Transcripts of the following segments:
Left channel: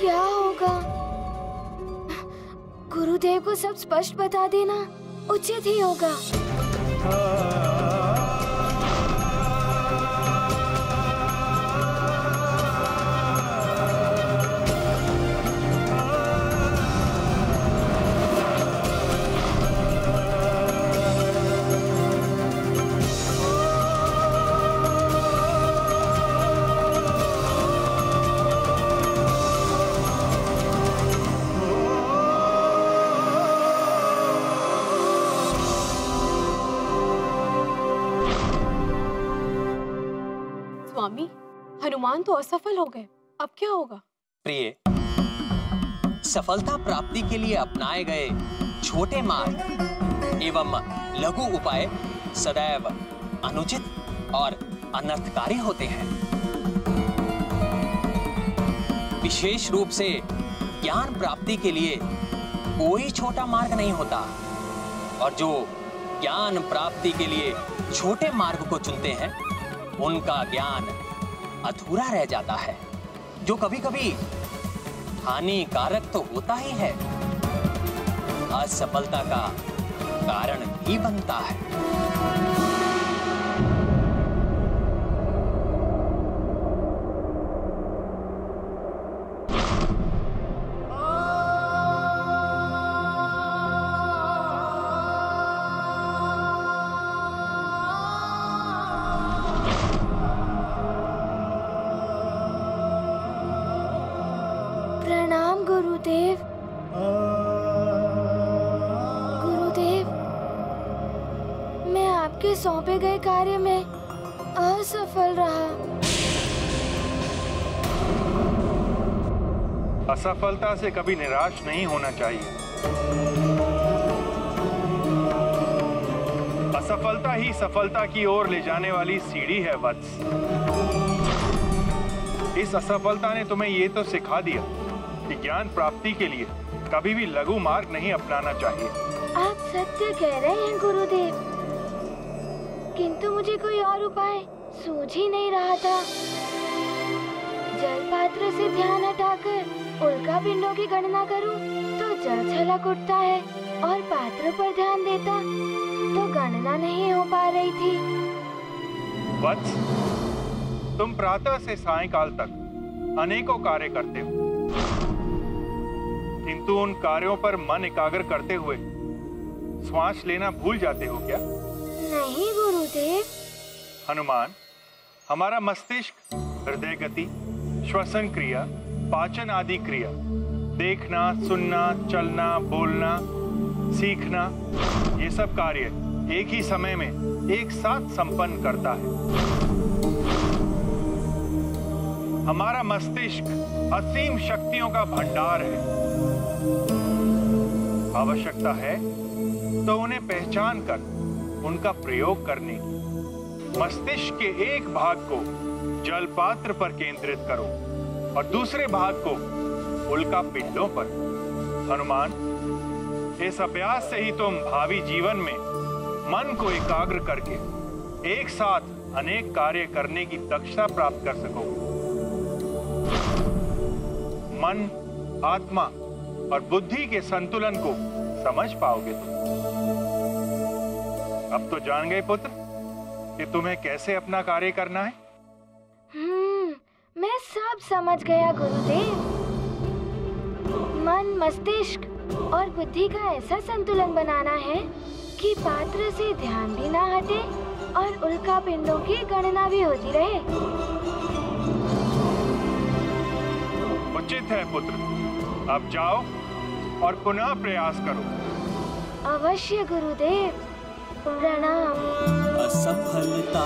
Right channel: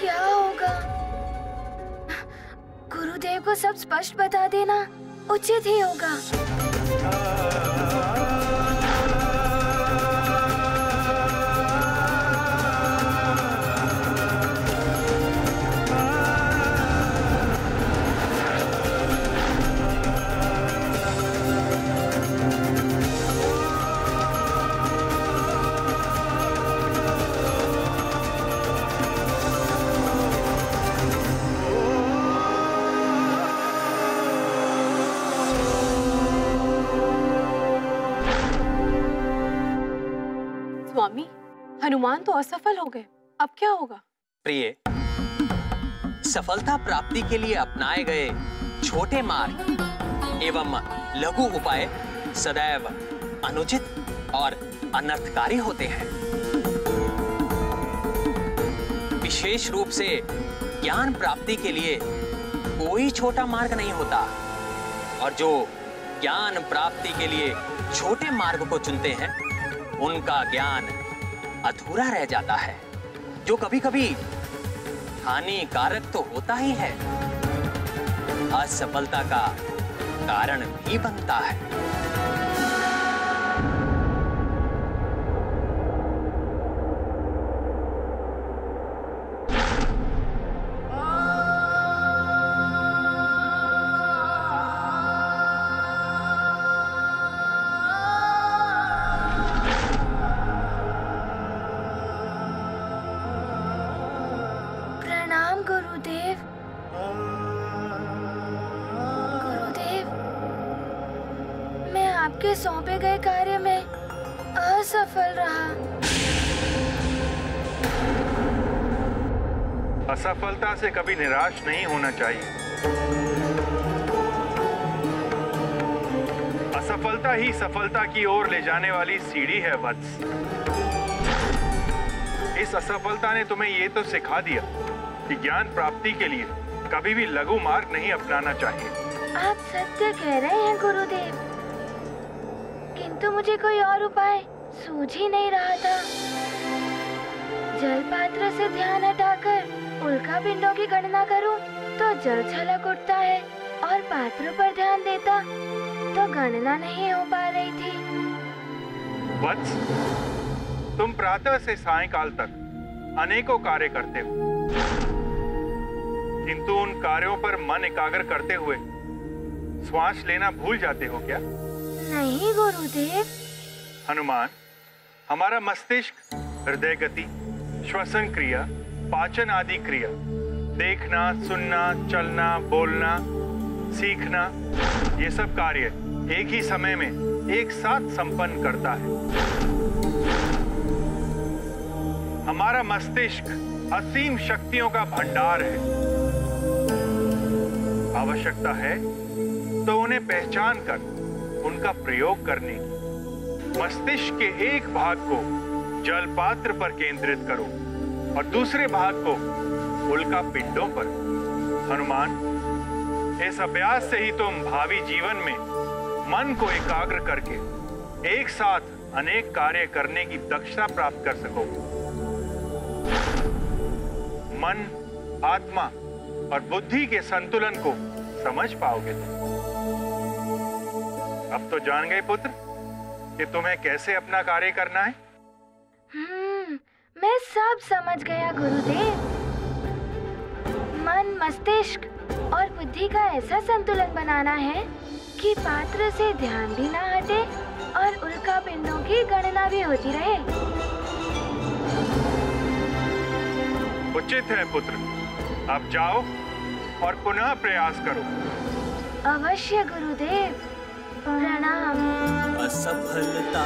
क्या होगा? गुरुदेव को सब स्पष्ट बता देना उचित ही होगा। स्वामी, हनुमान तो असफल हो गए, अब क्या होगा? प्रिय, सफलता प्राप्ति के लिए अपनाए गए छोटे मार्ग एवं लघु उपाय सदैव अनुचित और अनर्थकारी होते हैं। विशेष रूप से ज्ञान प्राप्ति के लिए कोई छोटा मार्ग नहीं होता, और जो ज्ञान प्राप्ति के लिए छोटे मार्ग को चुनते हैं उनका ज्ञान अधूरा रह जाता है, जो कभी कभी हानिकारक तो होता ही है, असफलता का कारण भी बनता है। प्रणाम गुरुदेव। गुरुदेव, मैं आपके सौंपे गए कार्य में असफल रहा। असफलता से कभी निराश नहीं होना चाहिए। असफलता ही सफलता की ओर ले जाने वाली सीढ़ी है वत्स। इस असफलता ने तुम्हें ये तो सिखा दिया कि ज्ञान प्राप्ति के लिए कभी भी लघु मार्ग नहीं अपनाना चाहिए। आप सत्य कह रहे हैं गुरुदेव, किंतु मुझे कोई और उपाय सूझ ही नहीं रहा था। जल पात्र से ध्यान हटाकर उल्का पिंडों की गणना करूं तो जल छलक उठता है, और पात्र पर ध्यान देता तो गणना नहीं हो पा रही थी। वत्स, तुम प्रातः से सायंकाल तक अनेकों कार्य करते हो, किंतु उन कार्यों पर मन एकाग्र करते हुए श्वास लेना भूल जाते हो क्या? नहीं गुरुदेव। हनुमान, हमारा मस्तिष्क हृदय गति, श्वसन क्रिया, पाचन आदि क्रिया, देखना, सुनना, चलना, बोलना, सीखना, ये सब कार्य एक ही समय में एक साथ संपन्न करता है। हमारा मस्तिष्क असीम शक्तियों का भंडार है। आवश्यकता है तो उन्हें पहचान कर उनका प्रयोग करने की। मस्तिष्क के एक भाग को जल पात्र पर केंद्रित करो और दूसरे भाग को उल्का पिंडों पर। हनुमान, इस अभ्यास से ही तुम भावी जीवन में मन को एकाग्र करके एक साथ अनेक कार्य करने की दक्षता प्राप्त कर सकोगे। मन, आत्मा और बुद्धि के संतुलन को समझ पाओगे तुम। अब तो जान गए पुत्र कि तुम्हें कैसे अपना कार्य करना है। मैं सब समझ गया गुरुदेव। मन, मस्तिष्क और बुद्धि का ऐसा संतुलन बनाना है कि पात्र से ध्यान भी ना हटे और उल्का पिंडों की गणना भी होती रहे। उचित है पुत्र, अब जाओ और पुनः प्रयास करो। अवश्य गुरुदेव, प्रणाम। असफलता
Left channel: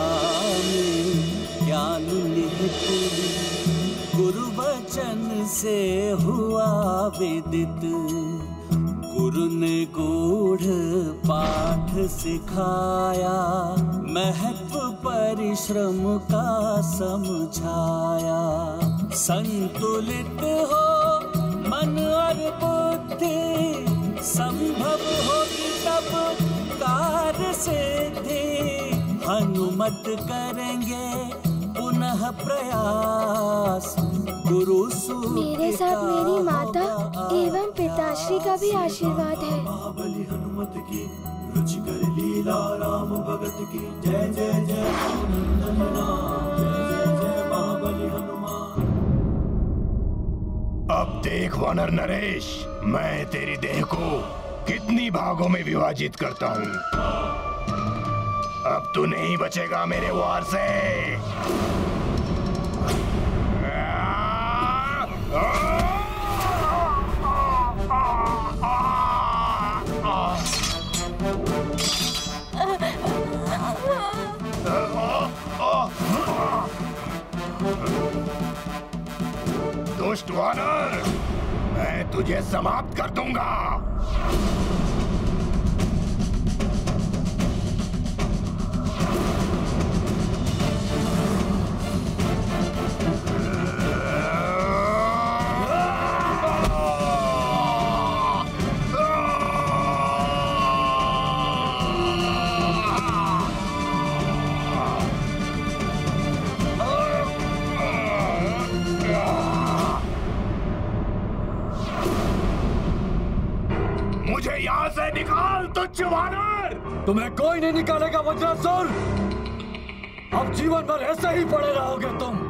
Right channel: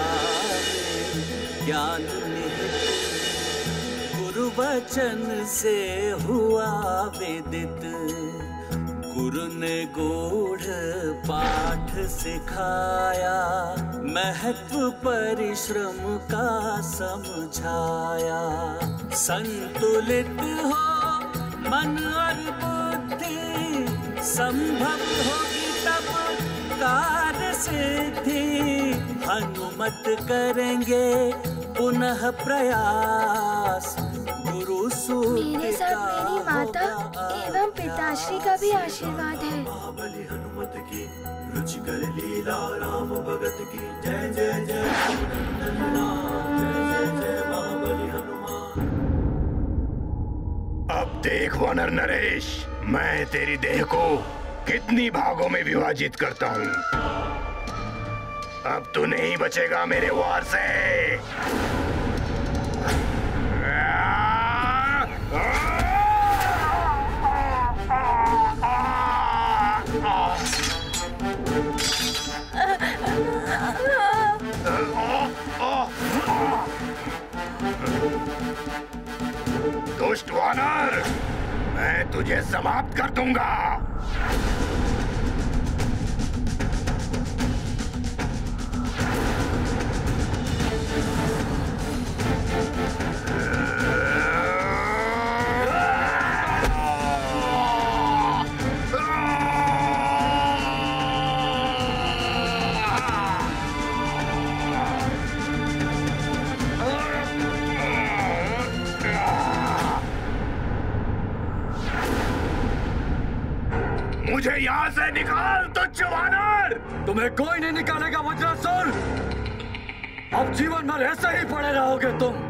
में ज्ञान निहित गुरु वचन से हुआ विदित। गुरु ने गूढ़ पाठ सिखाया, महत्व परिश्रम का समझाया। संतुलित हो मन और बुद्धि, संभव होगी तब कार्य सिद्धि। हनुमत करेंगे पुनः प्रयास, गुरु सूत्र मेरे साथ मेरी माता एवं पिताश्री का भी आशीर्वाद है। महाबली हनुमत की रुचिकर लीला राम भगत की जय जय जय नंदन राम जय जय जय महाबली हनुमान। अब देख वानर नरेश, मैं तेरी देह को कितनी भागों में विभाजित करता हूँ। अब तू नहीं बचेगा मेरे वार से। दुष्ट वानर, मैं तुझे समाप्त कर दूंगा। मुझे यहाँ से निकाल तुच्छ वानर। तुम्हें कोई नहीं निकालेगा वज्रासुर। अब जीवन भर ऐसे ही पड़े रहोगे तुम।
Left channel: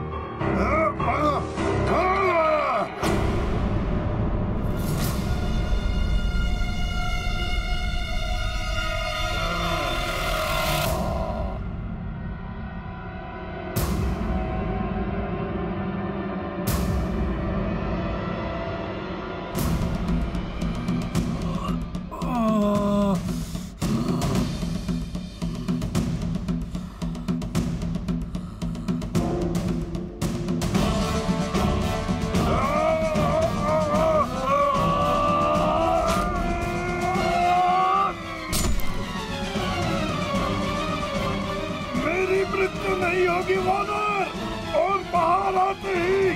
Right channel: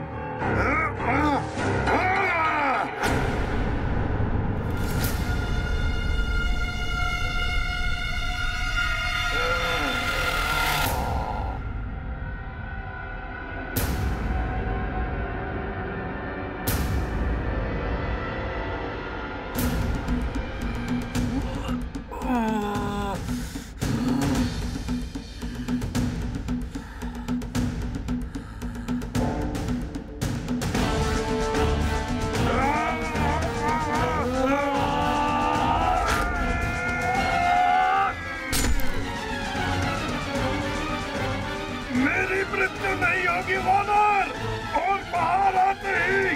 मृत्यु नहीं होगी वानर, और बाहर आते ही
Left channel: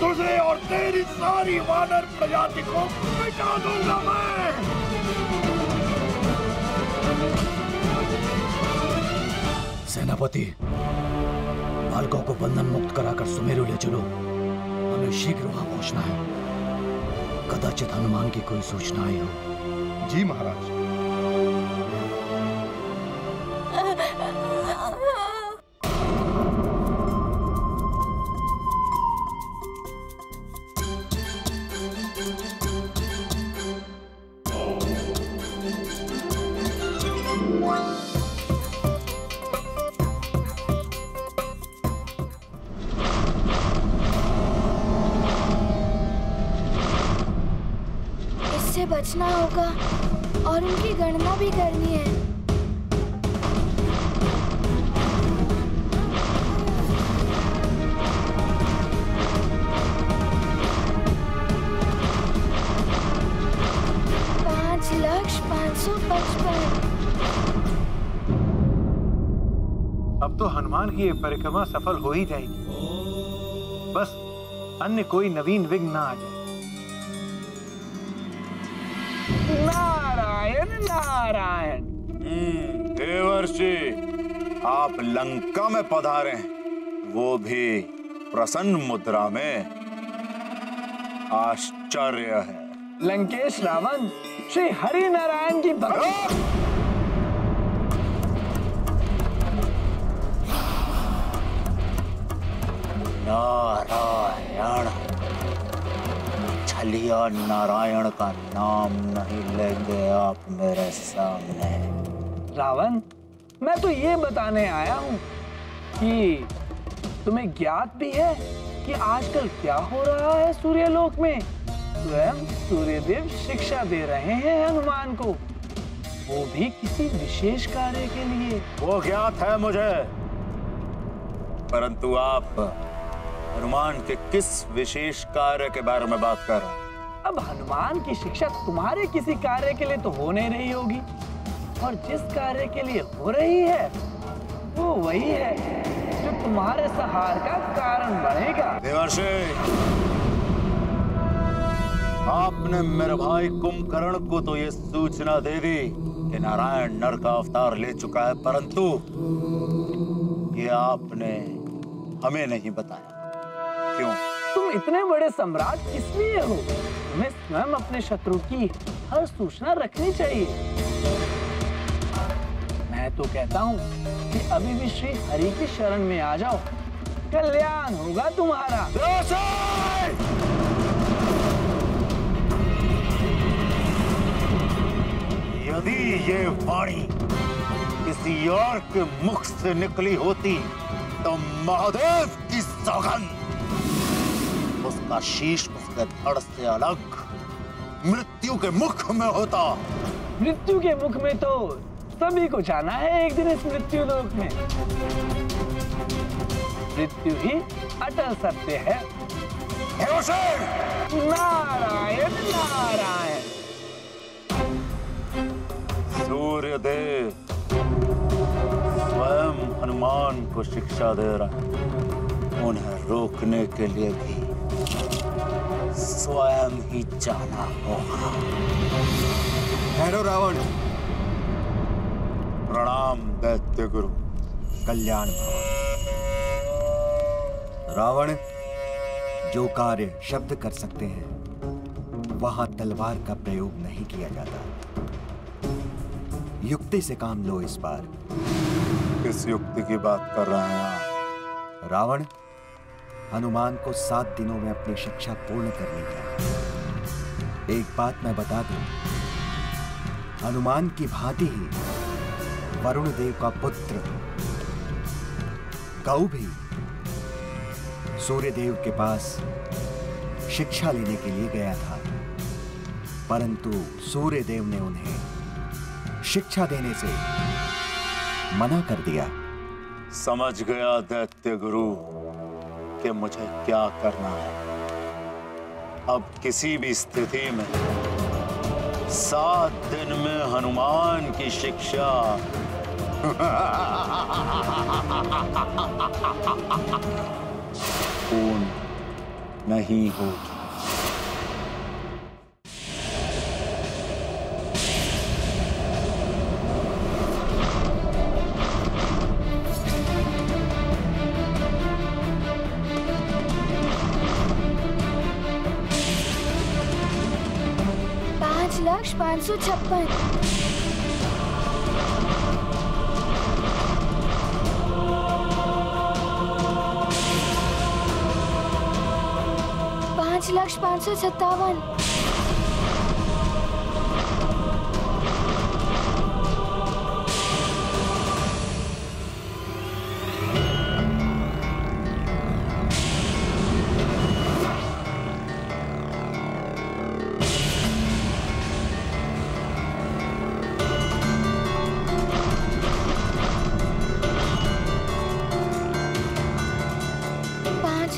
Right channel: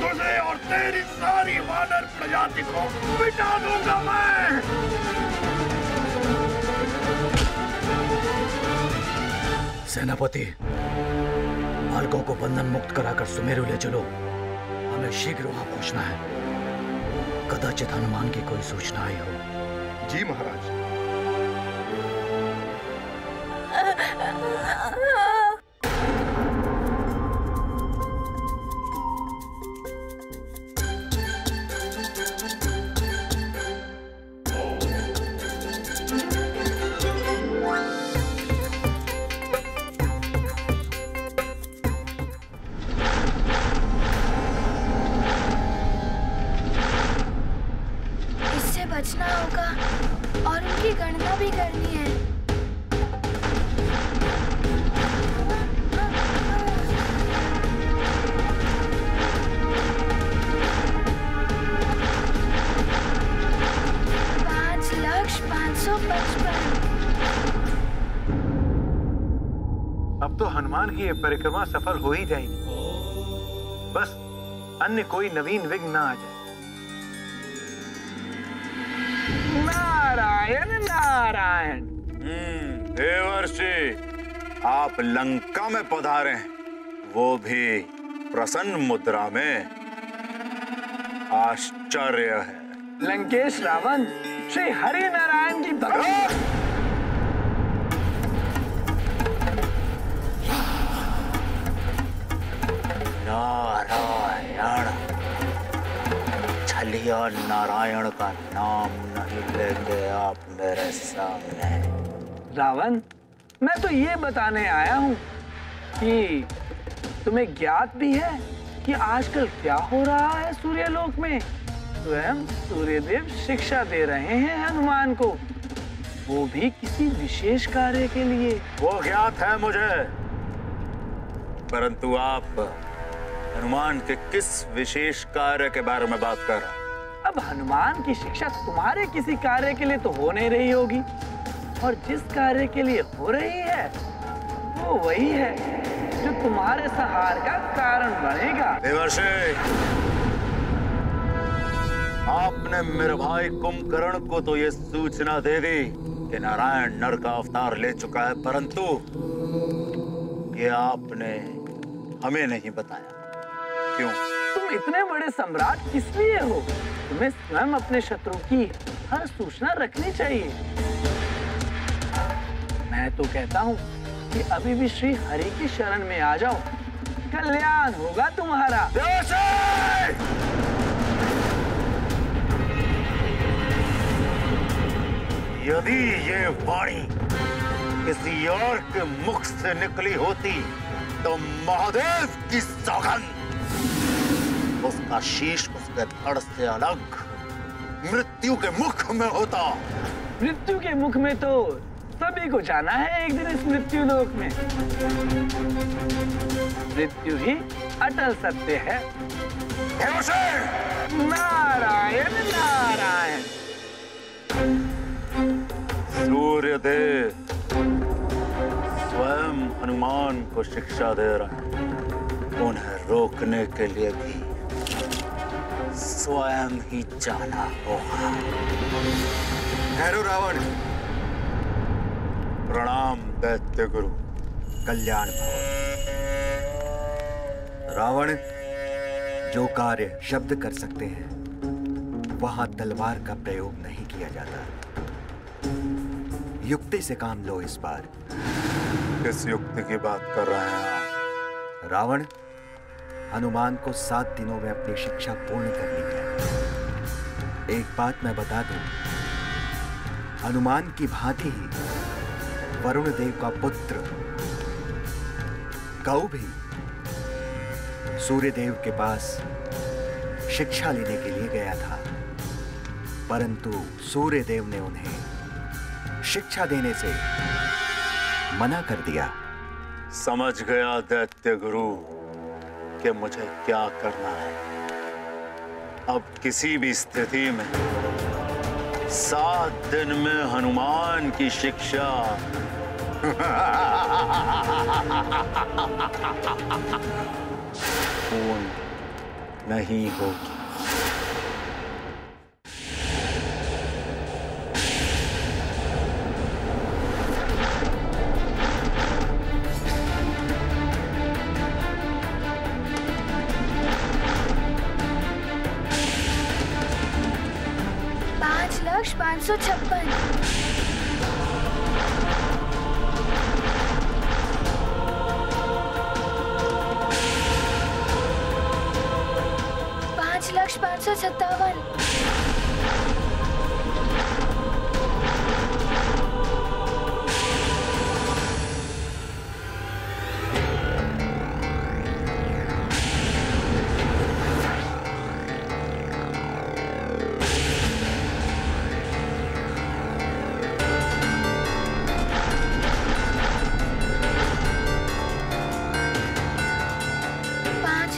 तुझे और तेरी सारी वानर प्रजाति को मिटा दूंगा मैं। सेनापति, बालकों को बंधन मुक्त कराकर सुमेरु ले चलो। हमें शीघ्र वहां पहुंचना है। कदाचित हनुमान की कोई सूचना आई हो। जी महाराज। इससे बचना होगा और उनकी गणना भी करनी है। अब तो हनुमान की ये परिक्रमा सफल हो ही जाएगी। बस अन्य कोई नवीन विघ्न ना आ जाए। नारायण नारायण। देवर्षि, आप लंका में पधारे हैं, वो भी प्रसन्न मुद्रा में। आश्चर्य है। लंकेश रावण श्री हरि नारायण की भक्ति। नारायण, छलिया नारायण का नाम नहीं लेंगे आप मेरे सामने। रावण, मैं तो ये बताने आया हूँ कि तुम्हें ज्ञात भी है कि आजकल क्या हो रहा है सूर्यलोक में। स्वयं सूर्यदेव शिक्षा दे रहे हैं हनुमान को, वो भी किसी विशेष कार्य के लिए। वो ज्ञात है मुझे, परंतु आप हनुमान के किस विशेष कार्य के बारे में बात कर रहे हैं? अब हनुमान की शिक्षा तुम्हारे किसी कार्य के लिए तो हो नहीं रही होगी, और जिस कार्य के लिए हो रही है वो वही है जो तुम्हारे संहार का कारण बनेगा। देवर्षि, आपने मेरे भाई कुंभकर्ण को तो ये सूचना दे दी कि नारायण नर का अवतार ले चुका है, परंतु ये आपने हमें नहीं बताया। क्यों? तुम इतने बड़े सम्राट किस लिए हो? तुम्हें स्वयं अपने शत्रु की हर सूचना रखनी चाहिए। मैं तो कहता हूँ कि अभी भी श्री हरि की शरण में आ जाओ, कल्याण होगा तुम्हारा। यदि ये वाणी किसी और के मुख से निकली होती तो महादेव की सौगंध, उसका शीश उसके धड़ से अलग मृत्यु के मुख में होता। मृत्यु के मुख में तो सभी को जाना है एक दिन इस मृत्यु लोक में। मृत्यु ही अटल सत्य है। नारायण नारायण। सूर्यदेव स्वयं हनुमान को शिक्षा दे रहे हैं। उन्हें रोकने के लिए भी स्वयं ही जाना होगा। ठहरो रावण। प्रणाम दैत्य गुरु। कल्याण भवन। रावण, जो कार्य शब्द कर सकते हैं वहां तलवार का प्रयोग नहीं किया जाता। युक्ति से काम लो इस बार। किस युक्ति की बात कर रहे हैं आप? रावण, हनुमान को 7 दिनों में अपनी शिक्षा पूर्ण करनी है। एक बात मैं बता दूं, हनुमान की भांति ही वरुण देव का पुत्र गौ भी सूर्य देव के पास शिक्षा लेने के लिए गया था, परंतु सूर्य देव ने उन्हें शिक्षा देने से मना कर दिया। समझ गया दैत्य गुरु कि मुझे क्या करना है। अब किसी भी स्थिति में 7 दिन में हनुमान की शिक्षा पूर्ण नहीं होगी। लक्ष्य 556। पाँच लक्ष्य 557।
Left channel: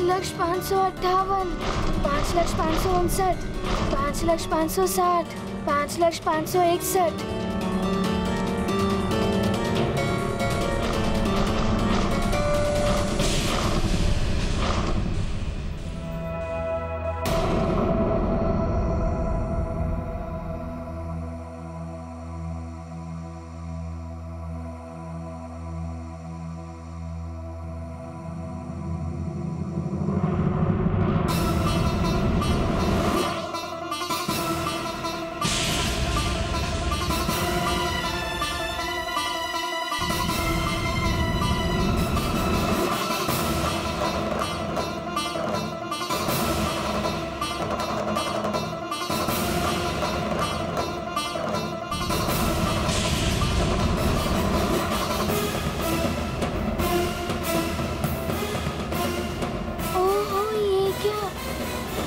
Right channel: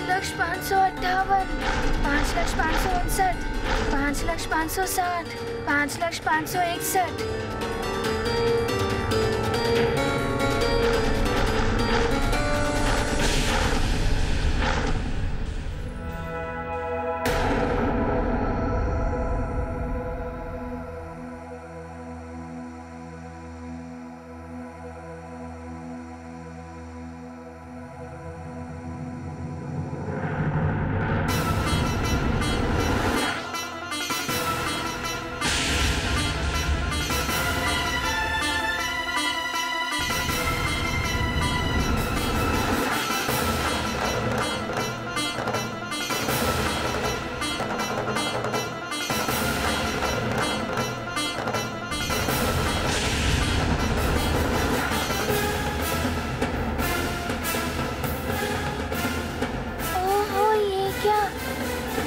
लक्ष्य 558, 5 लक्ष्य 559, 5 लक्ष्य 560, 5 लक्ष्य 561।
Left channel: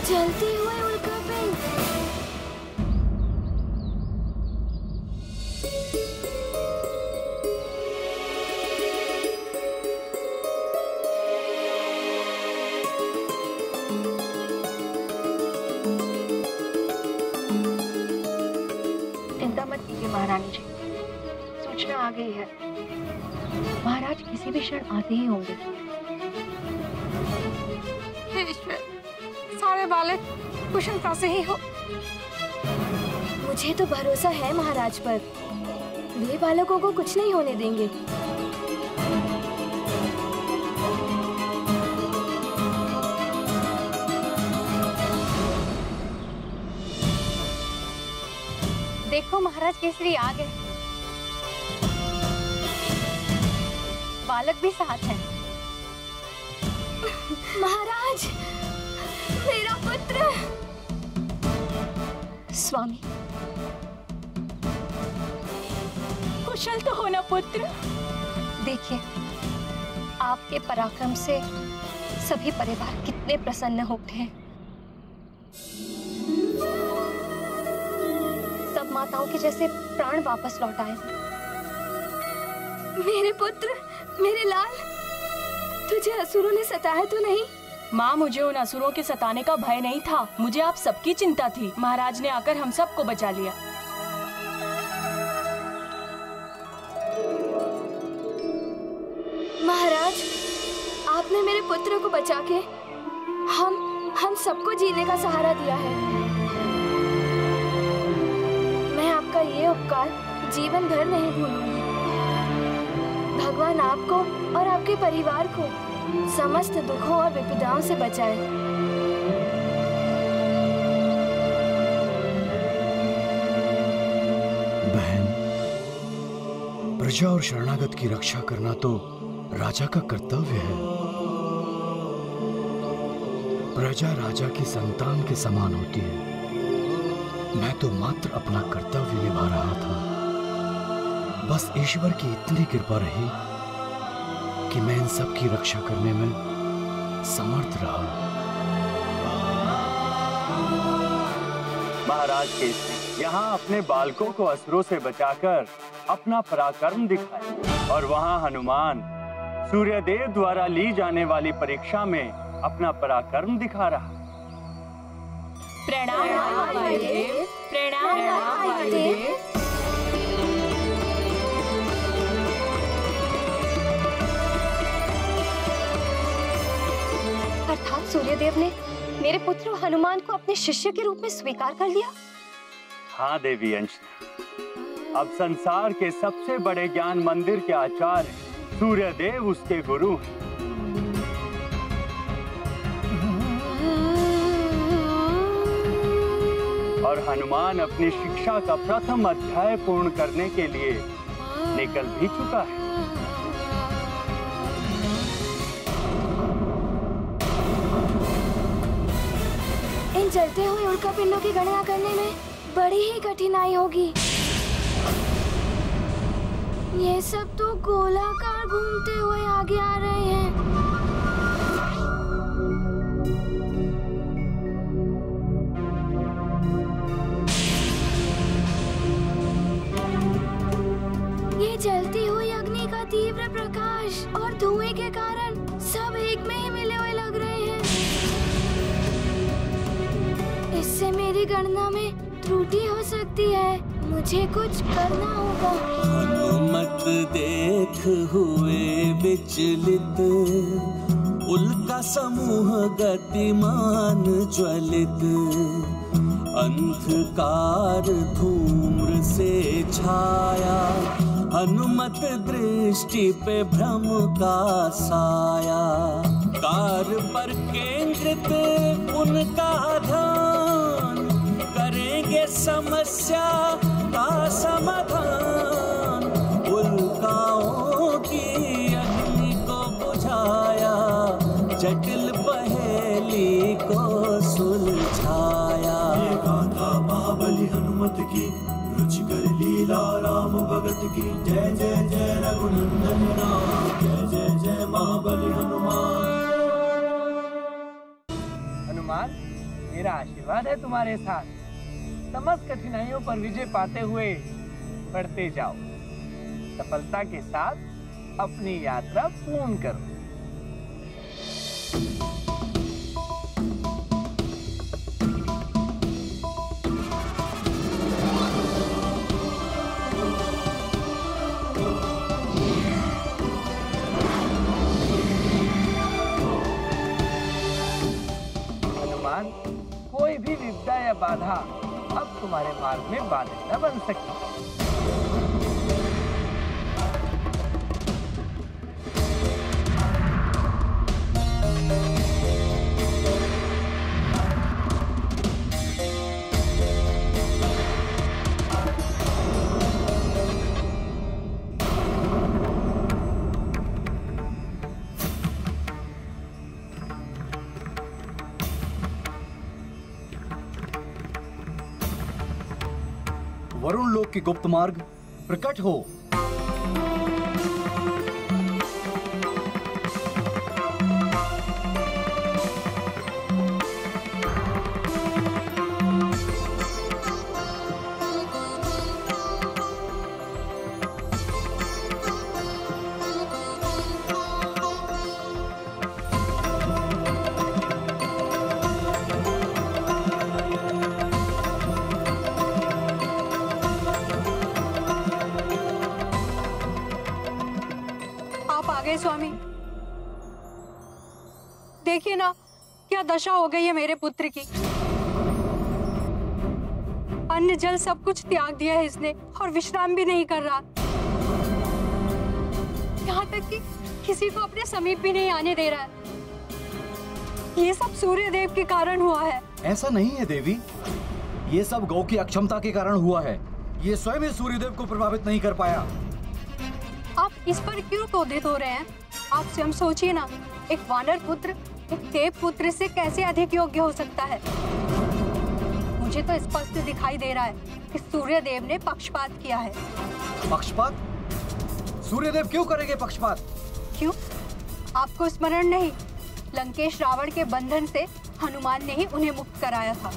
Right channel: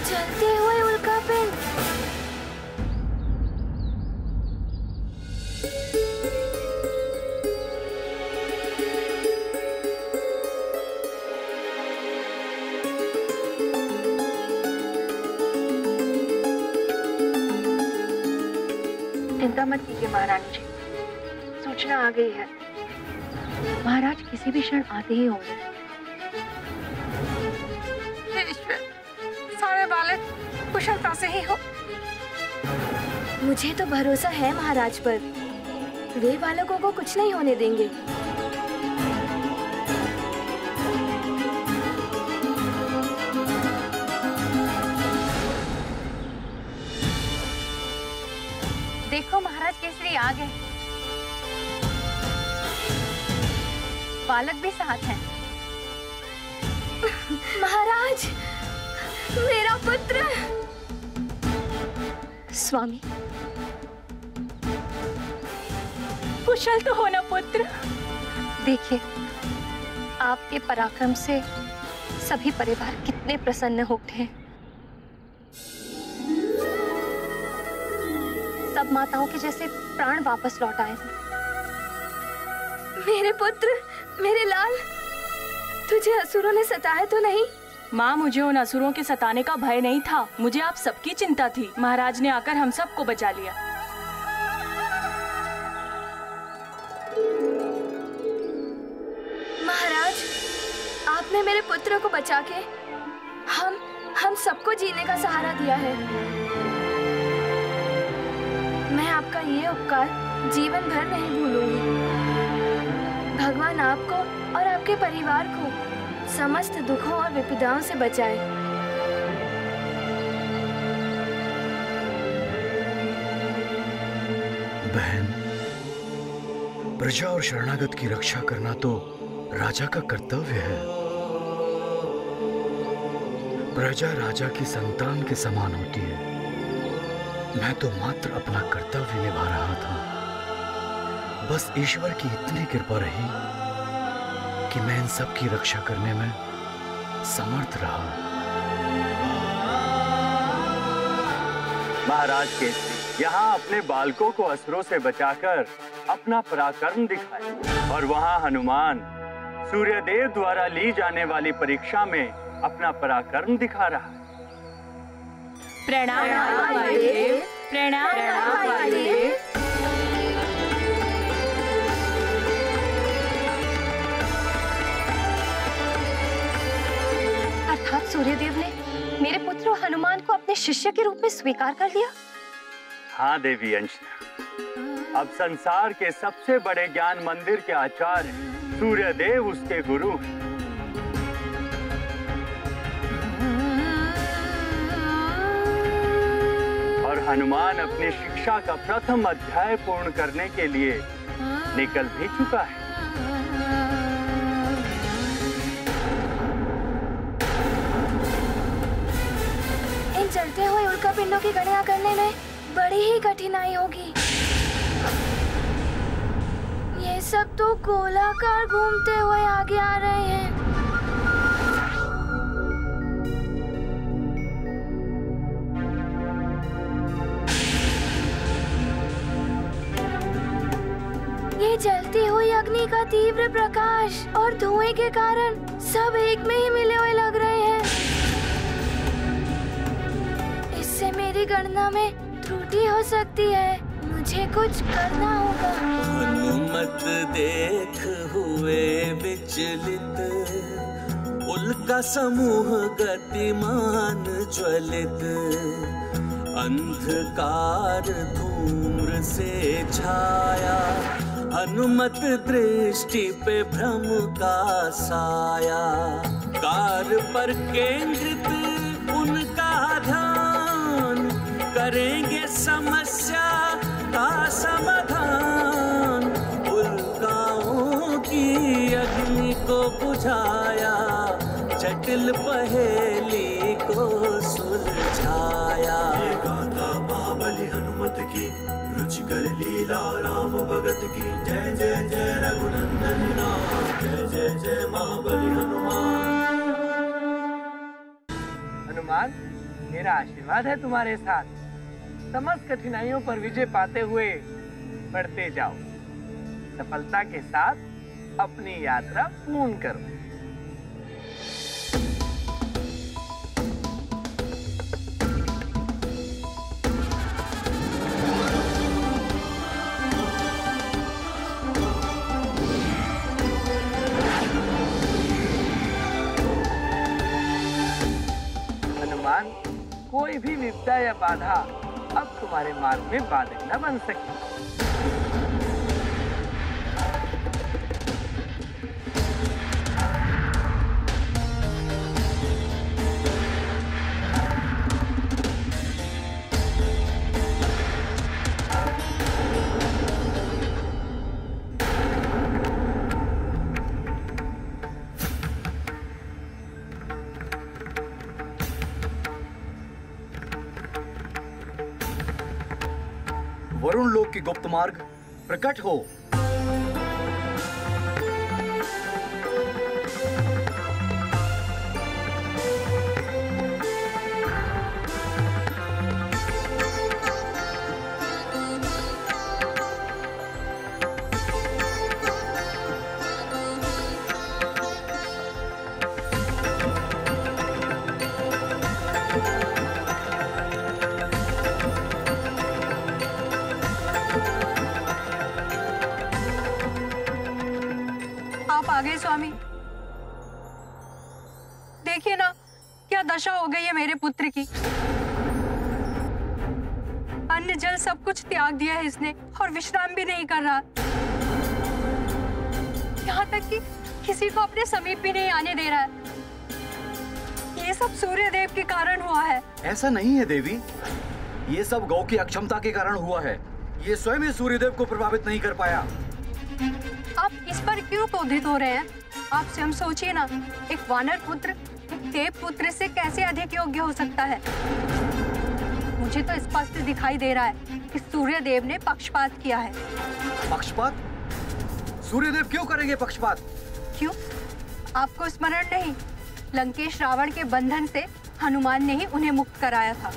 जलते हुए उल्का पिंड। चिंता मत कीजिए महारानी जी, सूचना आ गई है। महाराज किसी भी क्षण आते ही होंगे। सारे बालक कुशलता से ही हो। मुझे तो भरोसा है महाराज पर, वे बालकों को कुछ नहीं होने देंगे। देखो महाराज केसरी आ गए। बालक भी साथ हैं। महाराज, मेरा पुत्र। स्वामी, कुशल तो हो ना पुत्र। देखिए, आपके पराक्रम से सभी परिवार कितने प्रसन्न हो उठे हैं। सब माताओं के जैसे प्राण वापस लौट आए। मेरे पुत्र, मेरे लाल, तुझे असुरों ने सताया तो नहीं? माँ, मुझे उन असुरों के सताने का भय नहीं था, मुझे आप सबकी चिंता थी। महाराज ने आकर हम सबको बचा लिया। महाराज, आपने मेरे पुत्र को बचा के हम सबको जीने का सहारा दिया है। मैं आपका ये उपकार जीवन भर नहीं भूलूंगी। भगवान आपको और आपके परिवार को समस्त दुखों और विपदाओं से बचाए। बहन, प्रजा और शरणागत की रक्षा करना तो राजा का कर्तव्य है। प्रजा राजा की संतान के समान होती है। मैं तो मात्र अपना कर्तव्य निभा रहा था। बस ईश्वर की इतनी कृपा रही कि मैं इन सब की रक्षा करने में समर्थ रहा। महाराज केसरी यहाँ अपने बालकों को असुरों से बचाकर अपना पराक्रम दिखाए, और वहाँ हनुमान सूर्यदेव द्वारा ली जाने वाली परीक्षा में अपना पराक्रम दिखा रहा है। प्रणाम महादेव, प्रणाम महादेव। अर्थात सूर्यदेव ने मेरे पुत्र हनुमान को अपने शिष्य के रूप में स्वीकार कर लिया। हाँ देवी अंजना, अब संसार के सबसे बड़े ज्ञान मंदिर के आचार्य सूर्यदेव उसके गुरु हैं। और हनुमान अपनी शिक्षा का प्रथम अध्याय पूर्ण करने के लिए निकल भी चुका है। इन जलते हुए उल्कापिंडों की गणना करने में बड़ी ही कठिनाई होगी। ये सब तो गोलाकार घूमते हुए आगे आ रहे हैं। ये जलती हुई अग्नि का तीव्र प्रकाश और धुएं के कारण सब एक में ही मिले हुए लग रहे हैं। इससे मेरी गणना में त्रुटि हो सकती है। मुझे कुछ करना होगा। हनुमत देख हुए विचलित, उल्का समूह गतिमान ज्वलित, अंधकार धूम्र से छाया, हनुमत दृष्टि पे भ्रम का साया। कार पर केंद्रित उनका ध्यान, करेंगे समस्या का समाधान। उल्काओं की अग्नि को बुझाया, जटिल पहेली को सुलझाया। ये गाथा महाबली हनुमत की, रुचिकर लीला राम भगत की। जय जय जय रघुनंदन राम, जय जय जय महाबली हनुमान। हनुमान, मेरा आशीर्वाद है तुम्हारे साथ। समस्त कठिनाइयों पर विजय पाते हुए बढ़ते जाओ। सफलता के साथ अपनी यात्रा पूर्ण करो। हनुमान, कोई भी विपदा या बाधा अब तुम्हारे मार्ग में बाधक न बन सके। वरुण लोक की गुप्त मार्ग प्रकट हो। आप आ गए स्वामी। देखिए ना क्या दशा हो गई है मेरे पुत्र की। अन्न जल सब कुछ त्याग दिया है इसने और विश्राम भी नहीं कर रहा। यहाँ तक कि किसी को अपने समीप भी नहीं आने दे रहा है। ये सब सूर्य देव के कारण हुआ है। ऐसा नहीं है देवी, ये सब गौ की अक्षमता के कारण हुआ है। ये स्वयं ही सूर्यदेव को प्रभावित नहीं कर पाया। आप इस पर क्यों क्रोधित हो रहे हैं? आप स्वयं सोचिए ना, एक वानर पुत्र एक देव पुत्र से कैसे अधिक योग्य हो सकता है? मुझे तो स्पष्ट दिखाई दे रहा है कि सूर्य देव ने पक्षपात किया है। पक्षपात? सूर्यदेव क्यों करेंगे पक्षपात? क्यों? आपको स्मरण नहीं? लंकेश रावण के बंधन से हनुमान ने ही उन्हें मुक्त कराया था।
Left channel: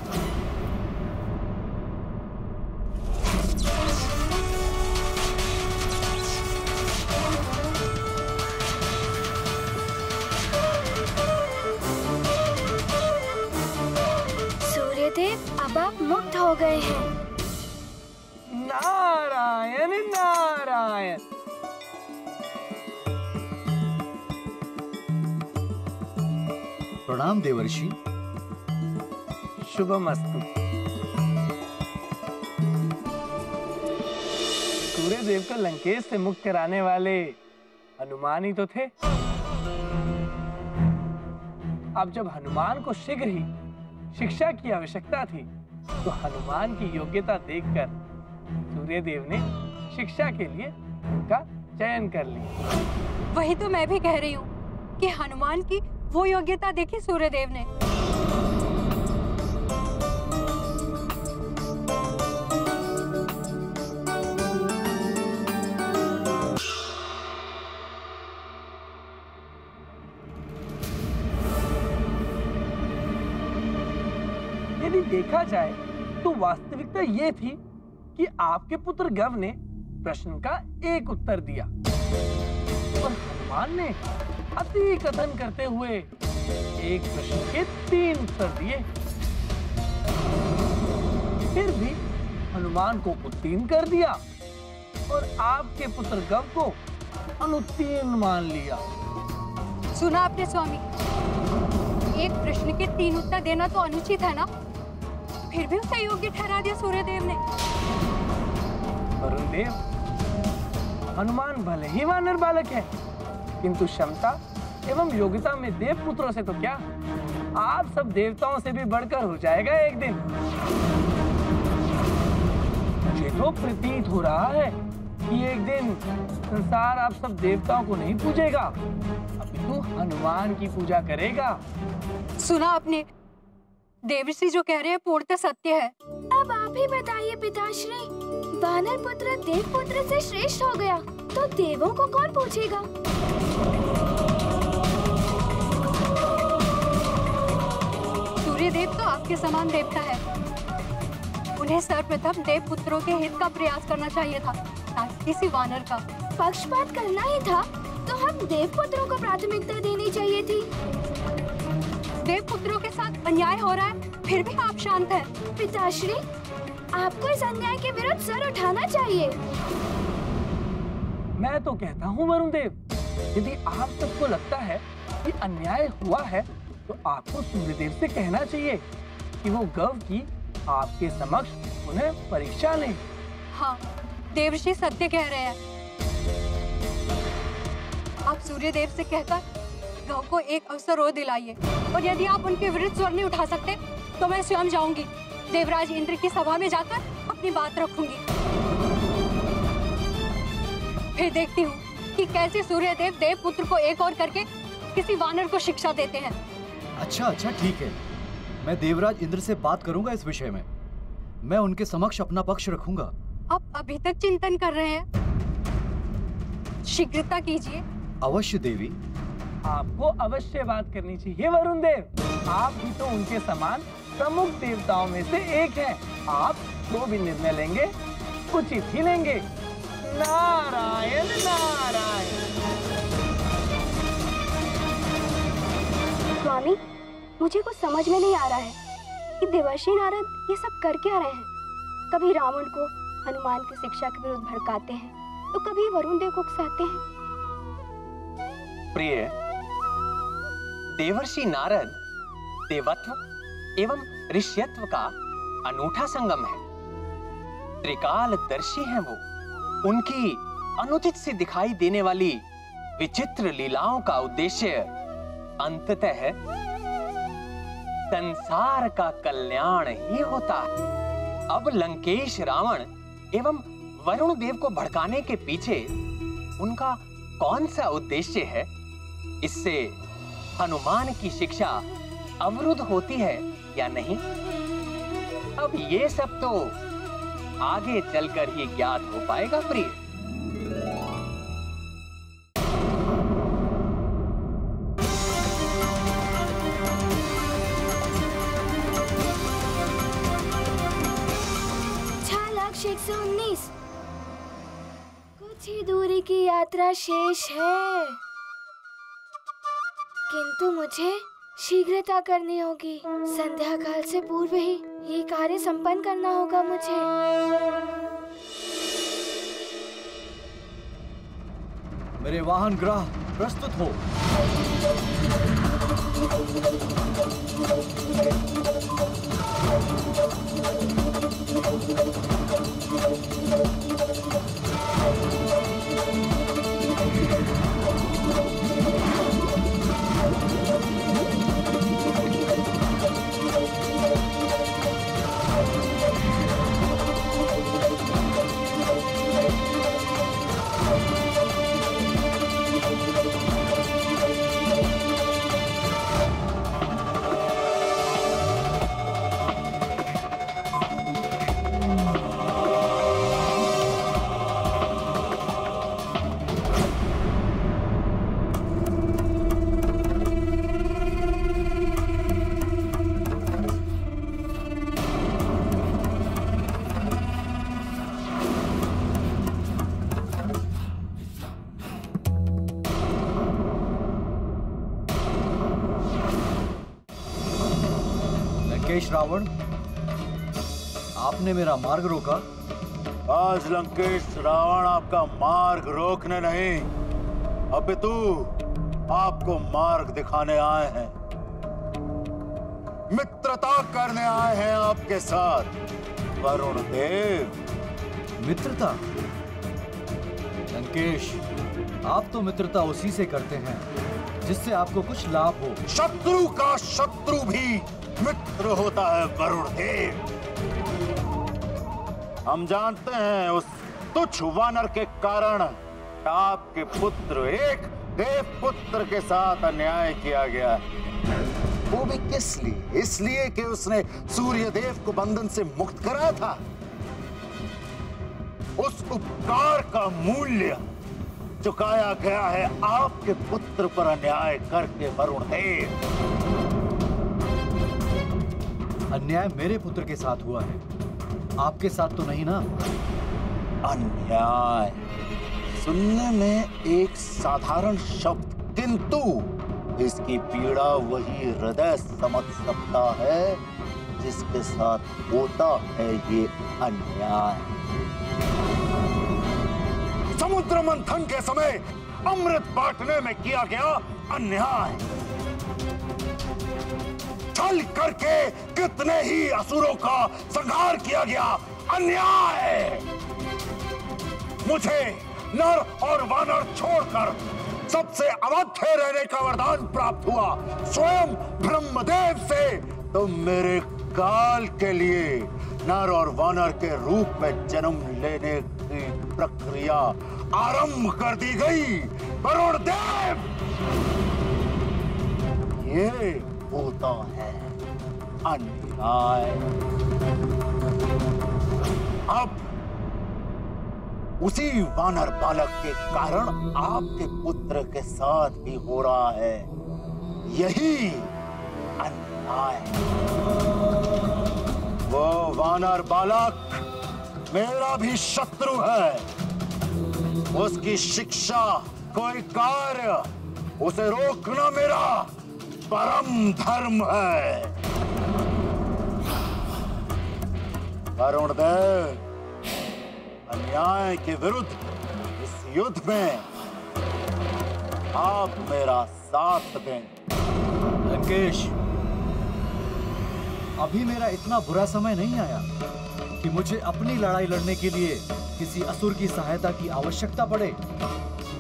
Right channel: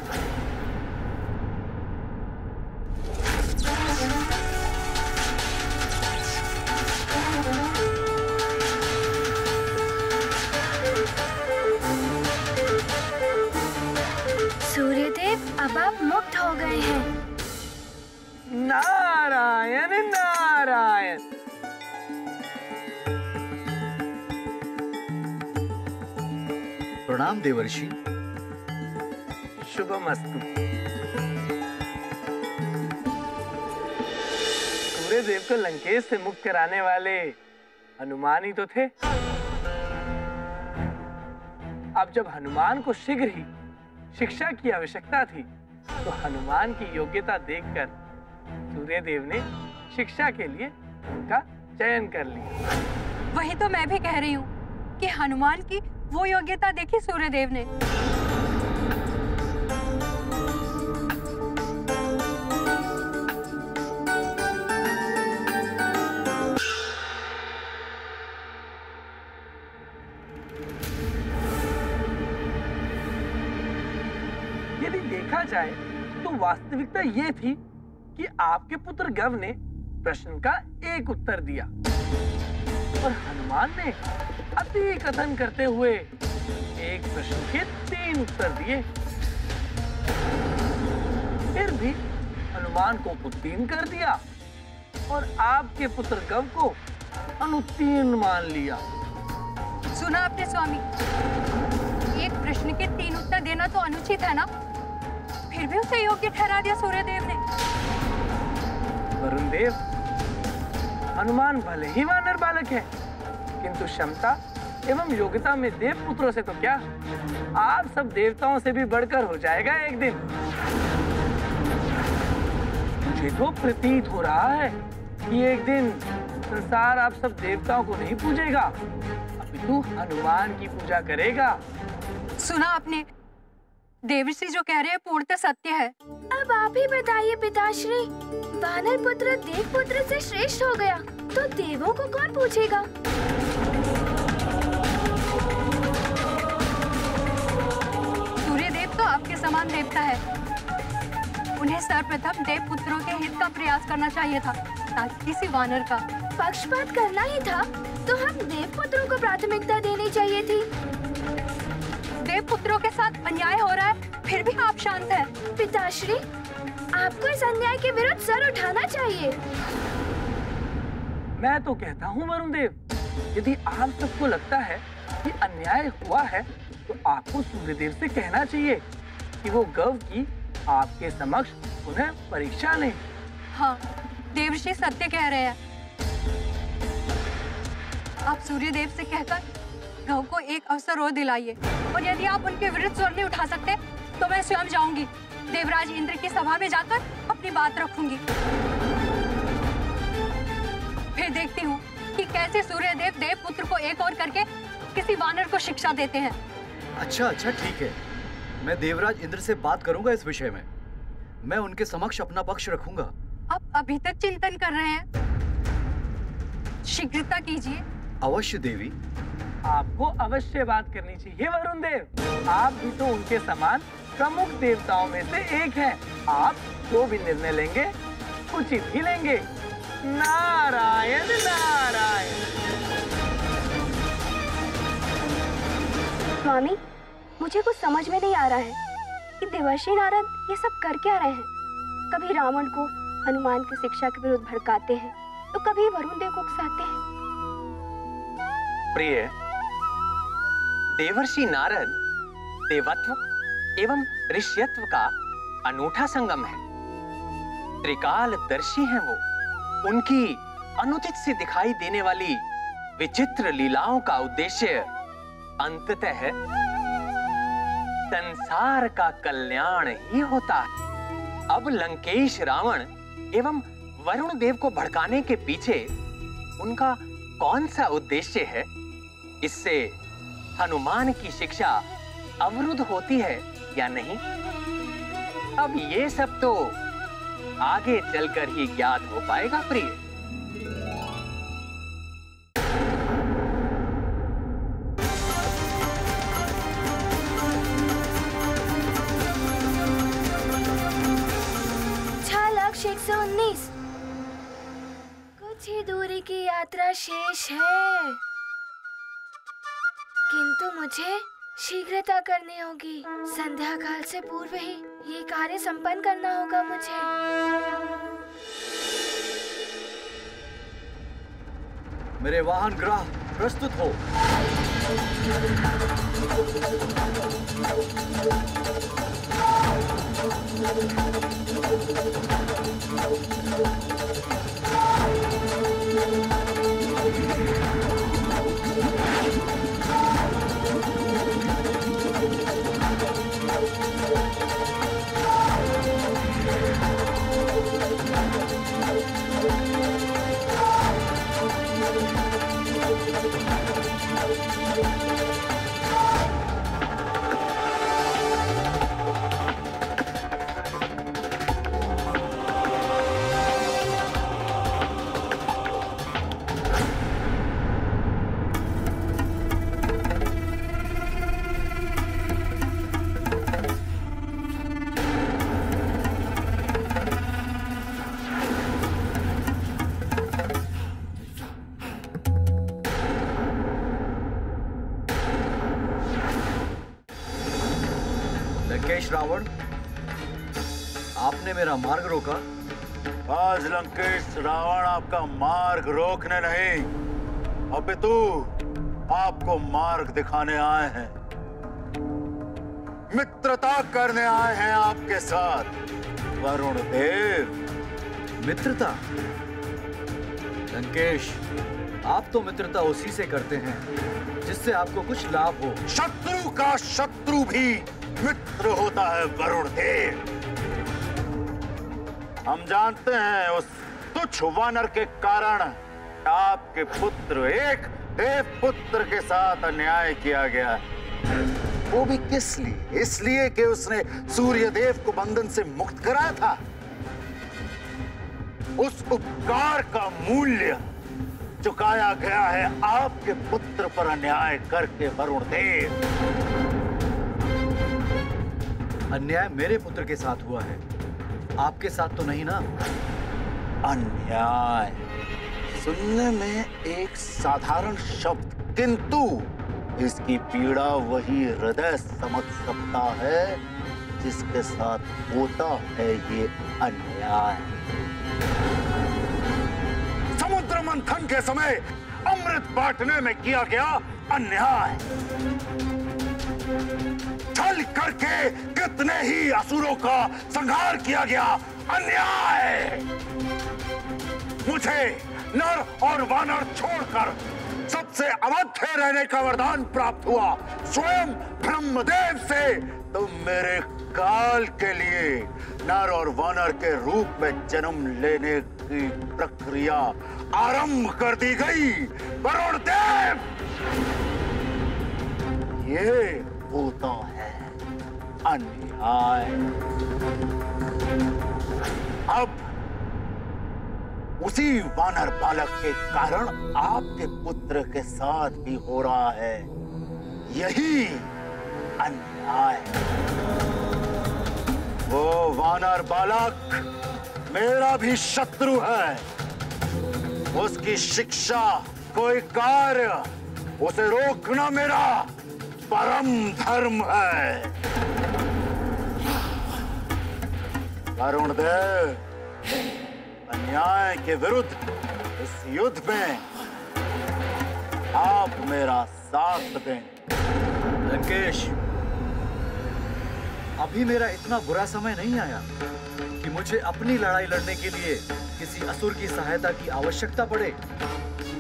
सूर्यदेव अब आप मुक्त हो गए हैं। नारायण नारायण। प्रणाम देवर्षि। शुभमस्तु। सूर्यदेव को लंकेश से मुक्त कराने वाले हनुमान ही तो थे। अब जब हनुमान को शीघ्र ही शिक्षा की आवश्यकता थी तो हनुमान की योग्यता देखकर सूर्यदेव ने शिक्षा के लिए उनका चयन कर लिया। वही तो मैं भी कह रही हूँ कि हनुमान की वो योग्यता देखी सूर्यदेव ने। यदि देखा जाए तो वास्तविकता ये थी कि आपके पुत्र गव ने प्रश्न का एक उत्तर दिया और हनुमान ने अति कथन करते हुए एक प्रश्न के 3 उत्तर दिए। फिर भी हनुमान को उत्तीर्ण कर दिया और आपके पुत्र गव को अनुत्तीर्ण मान लिया। सुना आपने स्वामी, एक प्रश्न के 3 उत्तर देना तो अनुचित है ना? फिर भी उसे योग्य ठहरा दिया सूर्यदेव ने। वरुण देव, हनुमान भले ही वानर बालक है, किंतु क्षमता एवं योग्यता में देव पुत्रों से तो क्या, आप सब देवताओं से भी बढ़कर हो जाएगा एक दिन। मुझे तो प्रतीत हो रहा है कि एक दिन संसार आप सब देवताओं को नहीं पूजेगा, अपितु हनुमान की पूजा करेगा। सुना आपने, देवर्षि जो कह रहे हैं पूर्णतः सत्य है। अब आप ही बताइए पिताश्री, वानर पुत्र देव पुत्र से श्रेष्ठ हो गया तो देवों को कौन पूछेगा? सूर्यदेव तो आपके समान देवता है। उन्हें सर्वप्रथम देव पुत्रों के हित का प्रयास करना चाहिए था, ताकि किसी वानर का पक्षपात करना ही था तो हम देव पुत्रों को प्राथमिकता देनी चाहिए थी। देव पुत्रों के साथ अन्याय हो रहा है, फिर भी आप शांत हैं। पिताश्री, आपको इस अन्याय के विरुद्ध सर उठाना चाहिए। मैं तो कहता हूँ वरुण देव, यदि आप सबको लगता है कि अन्याय हुआ है तो आपको सूर्यदेव से कहना चाहिए कि वो गव की आपके समक्ष उन्हें परीक्षा लें। हाँ, देवर्षि सत्य कह रहे हैं। आप सूर्यदेव से कहकर गव को एक अवसर और दिलाइए, और यदि आप उनके विरुद्ध स्वर नहीं उठा सकते तो मैं स्वयं जाऊंगी, देवराज इंद्र की सभा में जाकर अपनी बात रखूंगी। फिर देखती हूँ कि कैसे सूर्यदेव देव पुत्र को एक और करके किसी वानर को शिक्षा देते हैं। अच्छा ठीक है, मैं देवराज इंद्र से बात करूंगा इस विषय में। मैं उनके समक्ष अपना पक्ष रखूंगा आप अभी तक चिंतन कर रहे हैं? शीघ्रता कीजिए। अवश्य देवी। आपको अवश्य बात करनी चाहिए वरुण देव। आप भी तो उनके समान प्रमुख देवताओं में से एक हैं। आप जो भी निर्णय लेंगे उचित ही लेंगे। नारायण नारायण। स्वामी, मुझे कुछ समझ में नहीं आ रहा है कि देवर्षि नारद ये सब कर क्या रहे हैं। कभी रावण को हनुमान की शिक्षा के विरुद्ध भड़काते हैं तो कभी वरुण देव को उकसाते हैं। प्रिय, देवर्षि नारद देवत्व एवं ऋष्यत्व का अनूठा संगम है। त्रिकालदर्शी हैं वो। उनकी अनुचित से दिखाई देने वाली विचित्र लीलाओं का उद्देश्य अंततः संसार का कल्याण ही होता है। अब लंकेश रावण एवं वरुण देव को भड़काने के पीछे उनका कौन सा उद्देश्य है? इससे हनुमान की शिक्षा अवरुद्ध होती है या नहीं? अब ये सब तो आगे चलकर ही ज्ञात हो पाएगा प्रिय। छालाक 119। कुछ ही दूरी की यात्रा शेष है, किंतु मुझे शीघ्रता करनी होगी। संध्या काल से पूर्व ही ये कार्य संपन्न करना होगा मुझे। मेरे वाहन ग्रह प्रस्तुत हो। लंकेश रावण, आपने मेरा मार्ग रोका। आज लंकेश रावण आपका मार्ग रोकने नहीं, अपितु आपको मार्ग दिखाने आए हैं। मित्रता करने आए हैं आपके साथ वरुण देव। मित्रता? लंकेश, आप तो मित्रता उसी से करते हैं जिससे आपको कुछ लाभ हो। शत्रु का शत्रु भी मित्र होता है वरुण देव। हम जानते हैं उस तुच्छ वानर के कारण आपके पुत्र, एक देव पुत्र के साथ अन्याय किया गया है। वो भी किस लिए? इसलिए कि उसने सूर्य देव को बंधन से मुक्त कराया था। उस उपकार का मूल्य चुकाया गया है आपके पुत्र पर अन्याय करके वरुण देव। अन्याय मेरे पुत्र के साथ हुआ है, आपके साथ तो नहीं ना? अन्याय सुनने में एक साधारण शब्द, किंतु इसकी पीड़ा वही हृदय समझ सकता है जिसके साथ होता है ये अन्याय। समुद्र मंथन के समय अमृत बांटने में किया गया अन्याय। छल करके कितने ही असुरों का संहार किया गया अन्याय। मुझे नर और वानर छोड़कर सबसे अवध्य रहने का वरदान प्राप्त हुआ स्वयं ब्रह्मदेव से। तो मेरे काल के लिए नर और वानर के रूप में जन्म लेने की प्रक्रिया आरंभ कर दी गई वरुण देव। ये होता है अन्याय। अब उसी वानर बालक के कारण आपके पुत्र के साथ भी हो रहा है। यही अन्याय। वो वानर बालक मेरा भी शत्रु है। उसकी शिक्षा, कोई कार्य, उसे रोकना मेरा परम धर्म है। वरुण देव, अन्याय के विरुद्ध इस युद्ध में आप मेरा साथ दें। लंकेश, अभी मेरा इतना बुरा समय नहीं आया कि मुझे अपनी लड़ाई लड़ने के लिए किसी असुर की सहायता की आवश्यकता पड़े।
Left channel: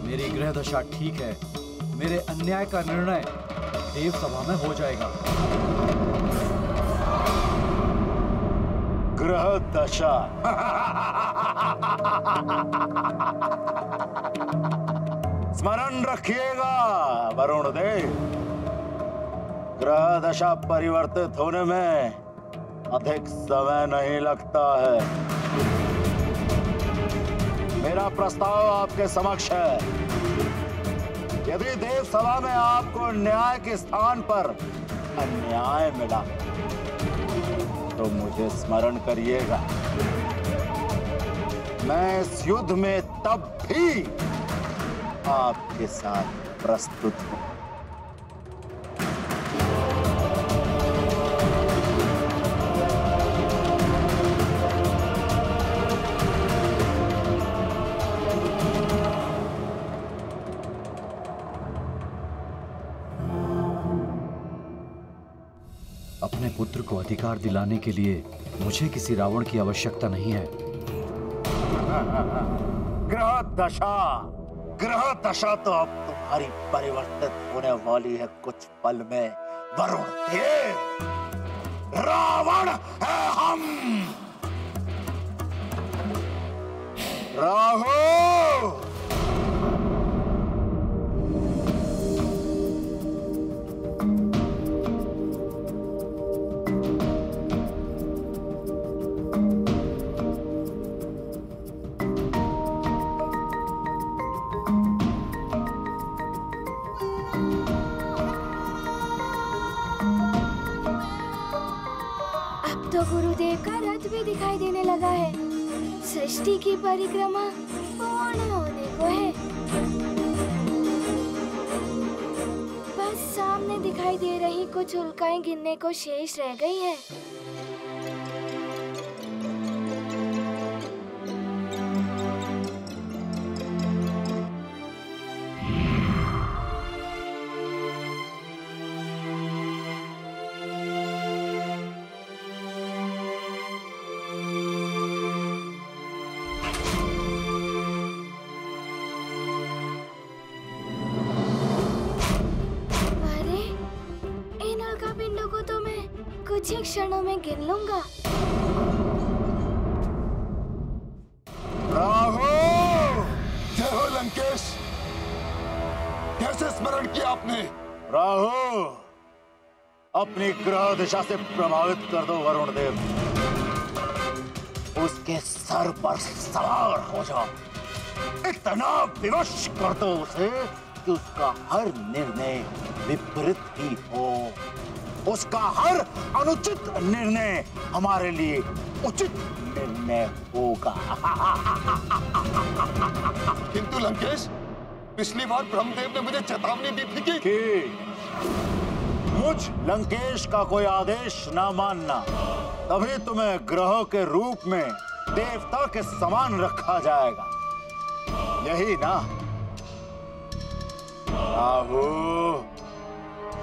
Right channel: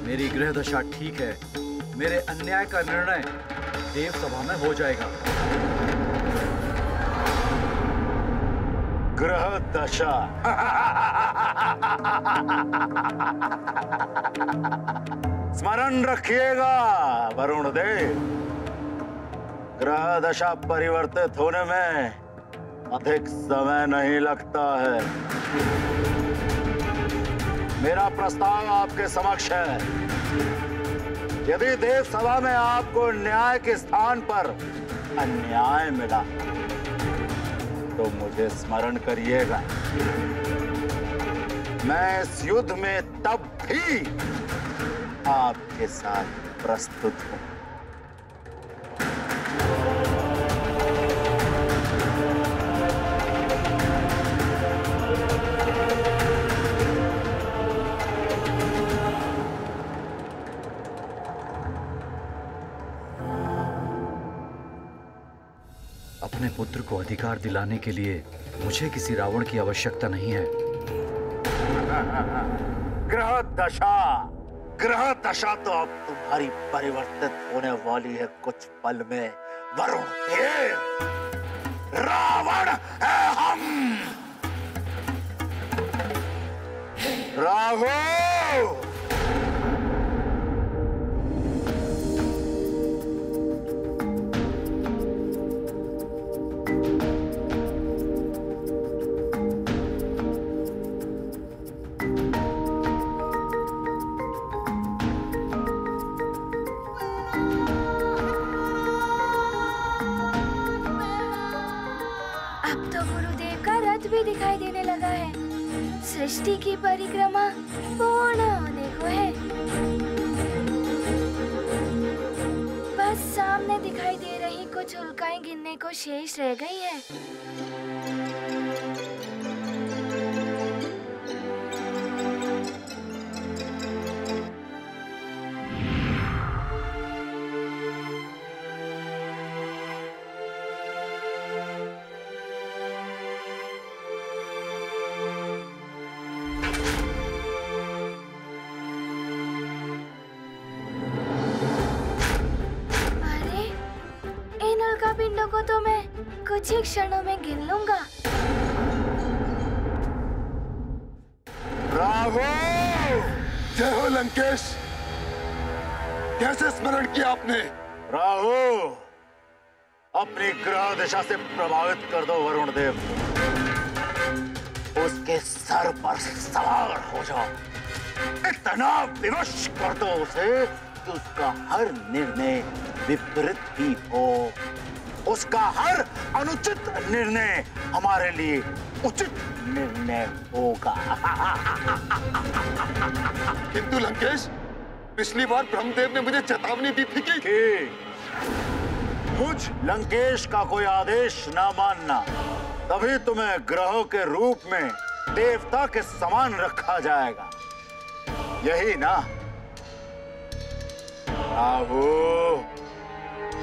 मेरी ग्रह दशा ठीक है। मेरे अन्याय का निर्णय देव सभा में हो जाएगा। ग्रह दशा? स्मरण रखिएगा वरुण देव, ग्रह दशा परिवर्तित होने में अधिक समय नहीं लगता है। मेरा प्रस्ताव आपके समक्ष है। यदि देव सभा में आपको न्याय के स्थान पर अन्याय मिला तो मुझे स्मरण करिएगा। मैं इस युद्ध में तब भी आपके साथ प्रस्तुत हूं। अपने पुत्र को अधिकार दिलाने के लिए मुझे किसी रावण की आवश्यकता नहीं है। ग्रह दशा तो अब तुम्हारी परिवर्तित होने वाली है कुछ पल में वरुण देव। रावण है हम। राहु, तो गुरुदेव का रथ भी दिखाई देने लगा है। सृष्टि की परिक्रमा पूर्ण होने को है। बस सामने दिखाई दे रही कुछ उल्काएं गिनने को शेष रह गई हैं। पिंडों को तो मैं कुछ ही क्षणों में गिन लूंगा। राहु! जय हो लंकेश। कैसे स्मरण किया आपने? राहु, अपनी ग्रह दिशा से प्रभावित कर दो वरुण देव। उसके सर पर सवार हो जाओ। इतना विवश कर दो उसे कि उसका हर निर्णय विपरीत ही हो। उसका हर अनुचित निर्णय हमारे लिए उचित निर्णय होगा। किंतु लंकेश, पिछली बार ब्रह्मदेव ने मुझे चेतावनी दी थी कि मुझ लंकेश का कोई आदेश ना मानना, तभी तुम्हें ग्रहों के रूप में देवता के समान रखा जाएगा। यही ना राहु?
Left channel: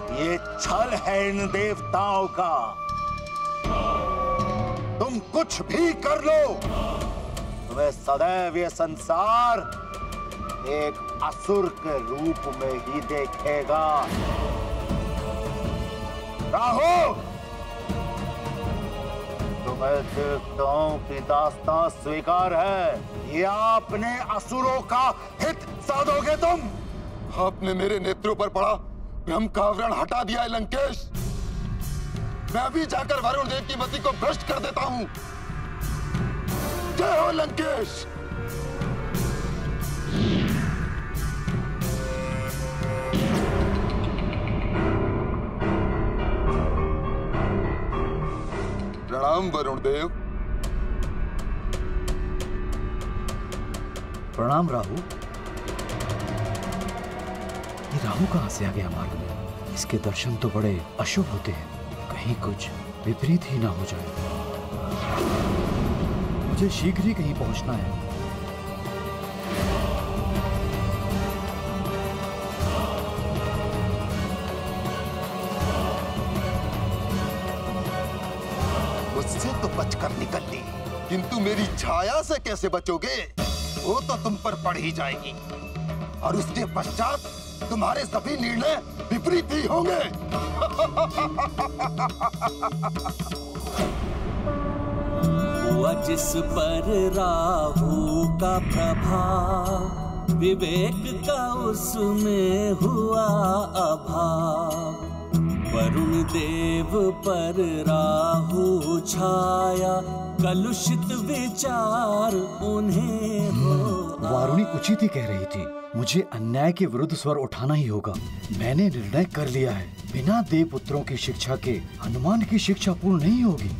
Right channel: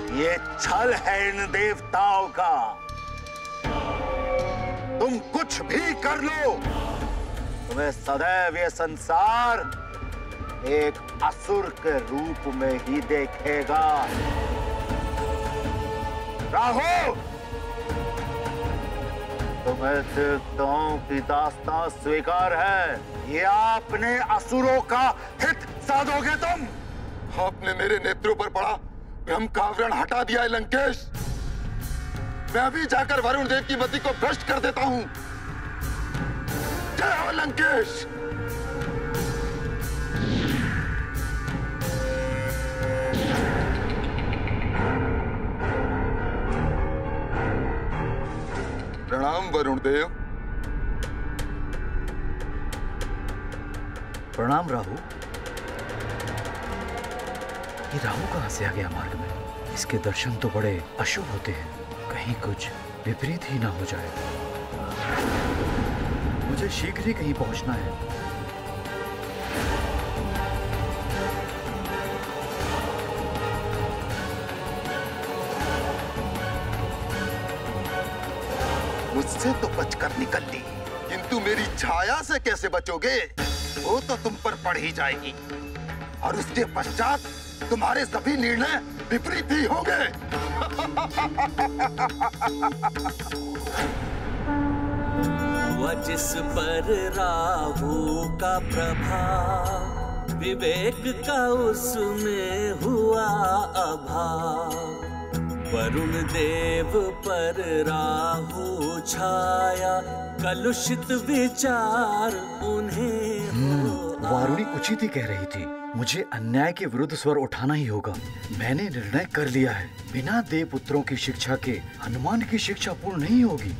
ये छल है इन देवताओं का। तुम कुछ भी कर लो, तुम्हें सदैव ये संसार एक असुर के रूप में ही देखेगा। राहु, तुम्हें देवताओं की दास्तां स्वीकार है या अपने असुरों का हित साधोगे तुम? आपने मेरे नेत्रों पर पड़ा ब्रह्म का आवरण हटा दिया है लंकेश। मैं अभी जाकर वरुण देव की मति को भ्रष्ट कर देता हूं। जय हो लंकेश। प्रणाम वरुण देव। प्रणाम राहु। ये राहु कहाँ से आ गया मार्ग में? इसके दर्शन तो बड़े अशुभ होते हैं, कहीं कुछ विपरीत ही ना हो जाए। मुझे शीघ्र ही कहीं पहुंचना है। मुझसे तो बचकर निकल ली, किंतु मेरी छाया से कैसे बचोगे? वो तो तुम पर पड़ ही जाएगी और उसके पश्चात तुम्हारे सभी निर्णय विपरीत ही होंगे। हुआ जिस पर राहु का प्रभाव, विवेक का उसमें हुआ अभाव। वरुण देव पर राहु छाया, कलुषित विचार उन्हें हो। वारुणी उचित ही कह रही थी, मुझे अन्याय के विरुद्ध स्वर उठाना ही होगा। मैंने निर्णय कर लिया है, बिना देव पुत्रों की शिक्षा के हनुमान की शिक्षा पूर्ण नहीं होगी।